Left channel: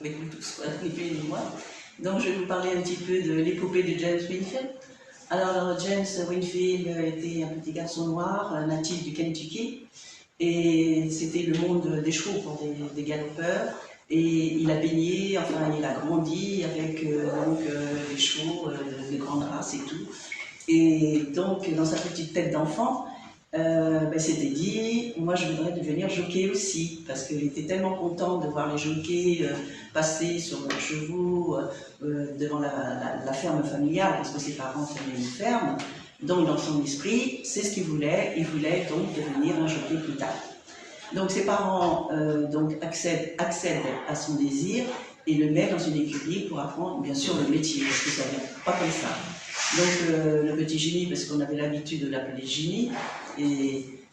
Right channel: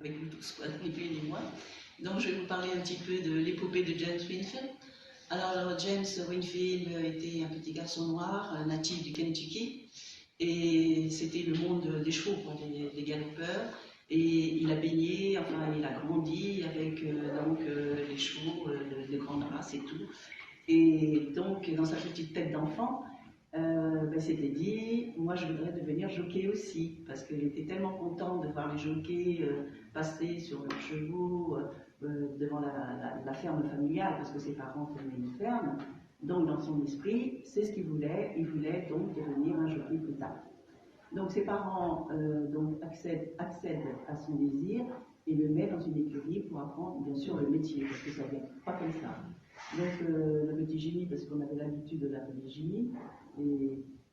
avec vous tous, ni plus ni moins. Donc je vais vous parler un petit peu de l'épopée de James Winfield. Alors James Winfield était un petit garçon noir, un natif du Kentucky, et c'était le monde des chevaux pour des galopeurs. Et il a baigné, enfin il a grandi avec des chevaux de grande race et tout. Et donc dans sa petite tête d'enfant, s'était dit, moi je voudrais devenir jockey aussi, parce qu'il était tellement content de voir les jockeys passer sur leurs chevaux devant la ferme familiale, parce que ses parents tenaient une ferme. Donc dans son esprit, c'est ce qu'il voulait, il voulait donc devenir un jockey plus tard. Donc ses parents accèdent à son désir et le mettent dans une écurie pour apprendre bien sûr le métier, parce que ça ne vient pas comme ça. Donc le petit Jimmy, parce qu'on avait l'habitude de l'appeler Jimmy,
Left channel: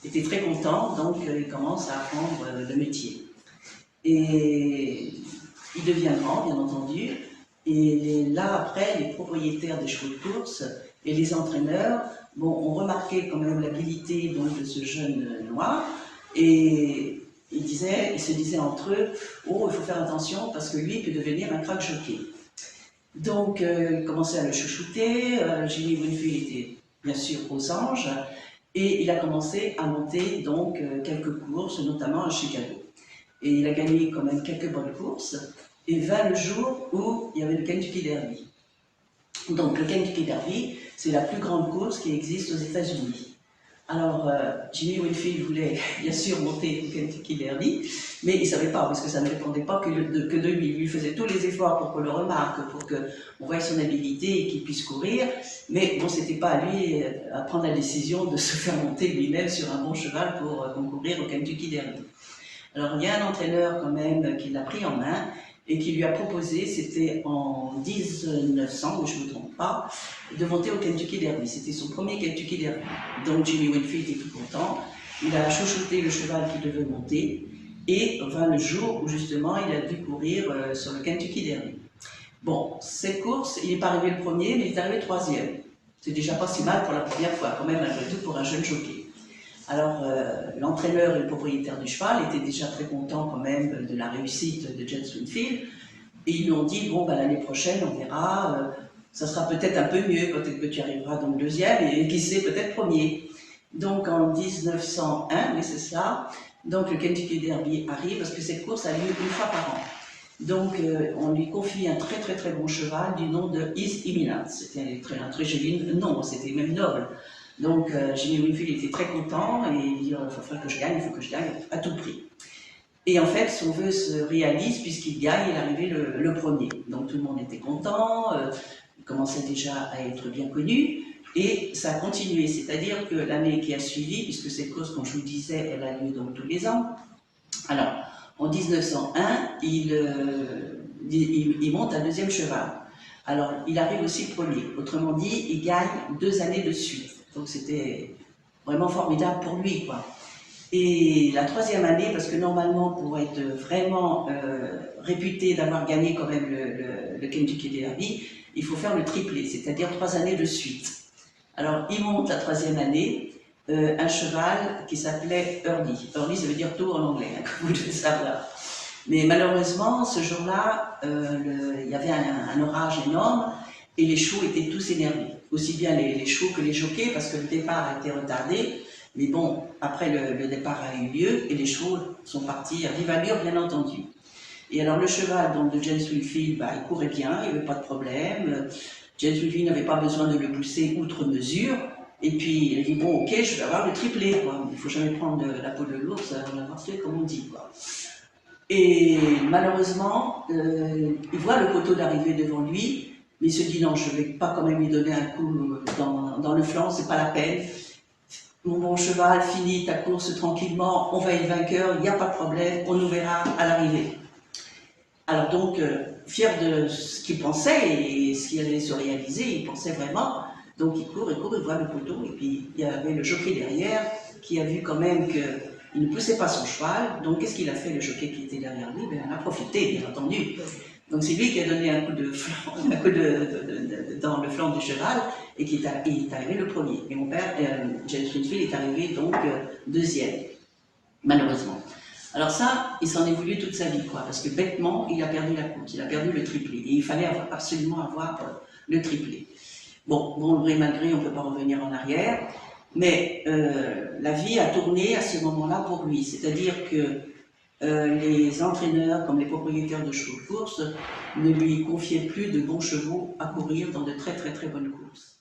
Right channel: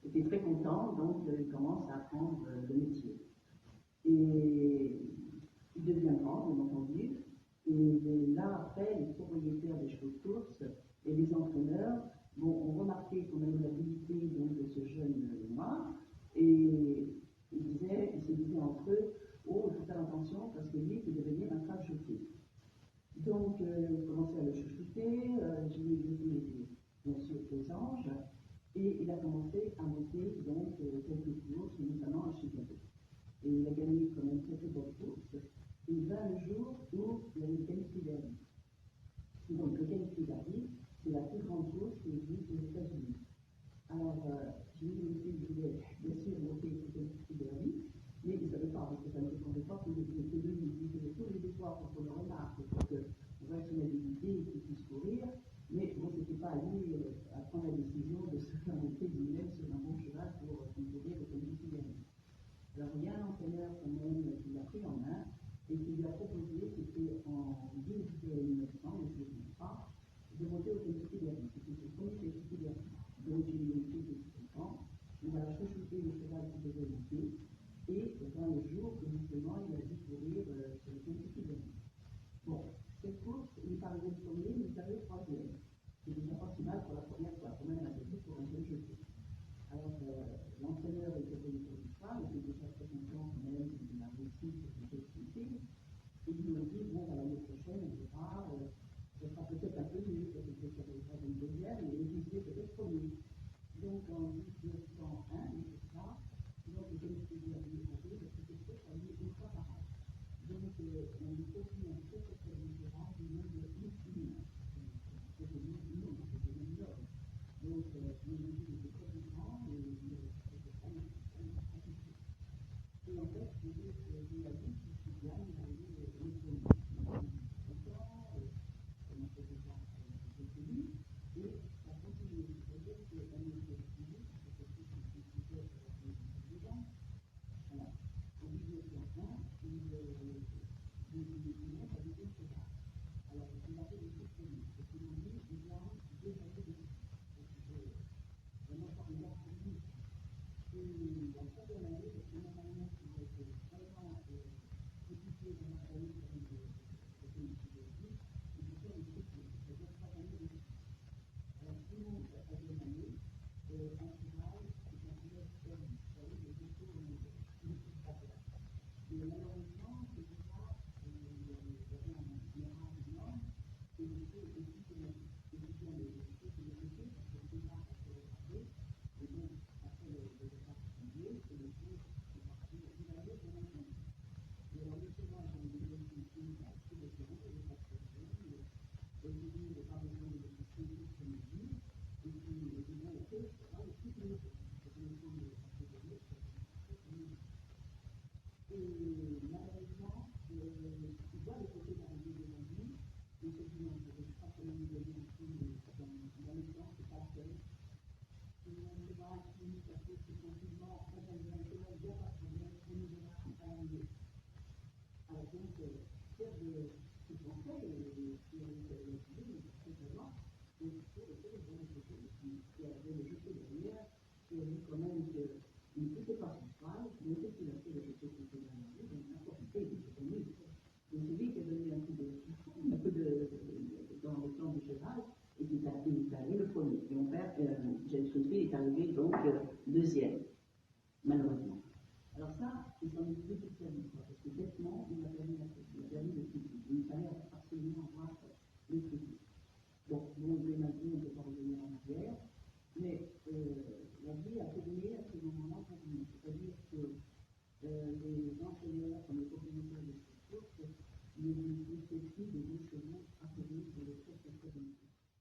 était très content, donc il commence à apprendre le métier. Et il devient grand, bien entendu, et là après, les propriétaires des chevaux de course et les entraîneurs ont remarqué quand même l'habilité de ce jeune noir, et ils se disaient entre eux, oh, il faut faire attention parce que lui peut devenir un crack jockey. Donc, il commençait à le chouchouter. Jimmy Winfield était bien sûr aux anges et il a commencé à monter donc quelques courses, notamment à Chicago. Et il a gagné quand même quelques bonnes courses et vint le jour où il y avait le Kentucky Derby. Donc, le Kentucky Derby, c'est la plus grande course qui existe aux États-Unis. Alors, Jimmy Winfield voulait bien sûr monter au Kentucky Derby, mais il ne savait pas, parce que ça ne dépendait pas que de lui. Il lui faisait tous les efforts pour qu'on le remarque, pour qu'on voie son habilité et qu'il puisse courir. Mais bon, ce n'était pas à lui à prendre la décision de se faire monter lui-même sur un bon cheval pour concourir au Kentucky Derby. Alors, il y a un entraîneur quand même qui l'a pris en main et qui lui a proposé, c'était en 1900, je ne me trompe pas, de monter au Kentucky Derby. C'était son premier Kentucky Derby. Donc Jimmy Winfield était tout content, il a chouchouté le cheval qui devait monter, et vint le jour où justement il a dû courir sur le Kentucky Derby. Bon, cette course, il n'est pas arrivé le premier, mais il est arrivé troisième. C'est déjà pas si mal pour la première fois, quand même, malgré tout, pour un jeune jockey. Alors, l'entraîneur et le propriétaire du cheval étaient déjà très contents quand même de la réussite de James Winfield. Et ils lui ont dit, bon, l'année prochaine, on verra, ça sera peut-être un peu mieux, peut-être que tu arriveras donc deuxième, et qui sait, peut-être premier. Donc, en 1901, oui, c'est ça, donc le Kentucky Derby arrive, parce que cette course a lieu une fois par an. Donc, on lui confie un très très très bon cheval du nom de His Eminence. C'était un très joli nom, c'était même noble. Donc, Jimmy Winfield était très content et il dit, il faut que je gagne, il faut que je gagne à tout prix. Et en fait, son vœu se réalise puisqu'il gagne, il est arrivé le premier. Donc, tout le monde était content, il commençait déjà à être bien connu et ça a continué. C'est-à-dire que l'année qui a suivi, puisque cette course, comme je vous disais, elle a lieu donc tous les ans. Alors, en 1901, il monte un deuxième cheval. Alors, il arrive aussi premier. Autrement dit, il gagne 2 années de suite. Donc c'était vraiment formidable pour lui, quoi. Et la 3e année, parce que normalement, pour être vraiment réputé d'avoir gagné quand même le Kentucky Derby, il faut faire le triplé, c'est-à-dire 3 années de suite. Alors, il monte la 3e année, un cheval qui s'appelait Early. Early, ça veut dire tôt en anglais, hein, comme vous devez savoir. Mais malheureusement, ce jour-là, il y avait un orage énorme et les chevaux étaient tous énervés. Aussi bien les chevaux que les jockeys, parce que le départ a été retardé. Mais bon, après le départ a eu lieu et les chevaux sont partis à vive allure, bien entendu. Et alors le cheval donc, de James Winfield, il courait bien, il n'y avait pas de problème. James Winfield n'avait pas besoin de le pousser outre mesure. Et puis il a dit, bon ok, je vais avoir le triplé, quoi. Il ne faut jamais prendre la peau de l'ours, on a marché comme on dit, quoi. Et malheureusement, il voit le poteau d'arrivée devant lui, mais il se dit non, je ne vais pas quand même lui donner un coup dans le flanc, c'est pas la peine. Mon bon cheval, finis ta course tranquillement, on va être vainqueur, il n'y a pas de problème, on nous verra à l'arrivée. Alors donc, fier de ce qu'il pensait et ce qui allait se réaliser, il pensait vraiment, donc il court, il voit le poteau, et puis il y avait le jockey derrière qui a vu quand même que il ne poussait pas son cheval, donc qu'est-ce qu'il a fait, le jockey qui était derrière lui? Il en a profité, bien entendu. Donc c'est lui qui a donné un coup de flanc, dans le flanc du cheval, et qui est arrivé le premier. Et mon père, James Winfield, est arrivé donc deuxième, malheureusement. Alors ça, il s'en est voulu toute sa vie, quoi, parce que bêtement, il a perdu la course, il a perdu le triplé. Et il fallait absolument avoir le triplé. Bon, gré mal gré, on ne peut pas revenir en arrière, mais la vie a tourné à ce moment-là pour lui. C'est-à-dire que les entraîneurs, comme les propriétaires de chevaux de course, ne lui confiaient plus de bons chevaux à courir dans de très très très bonnes courses.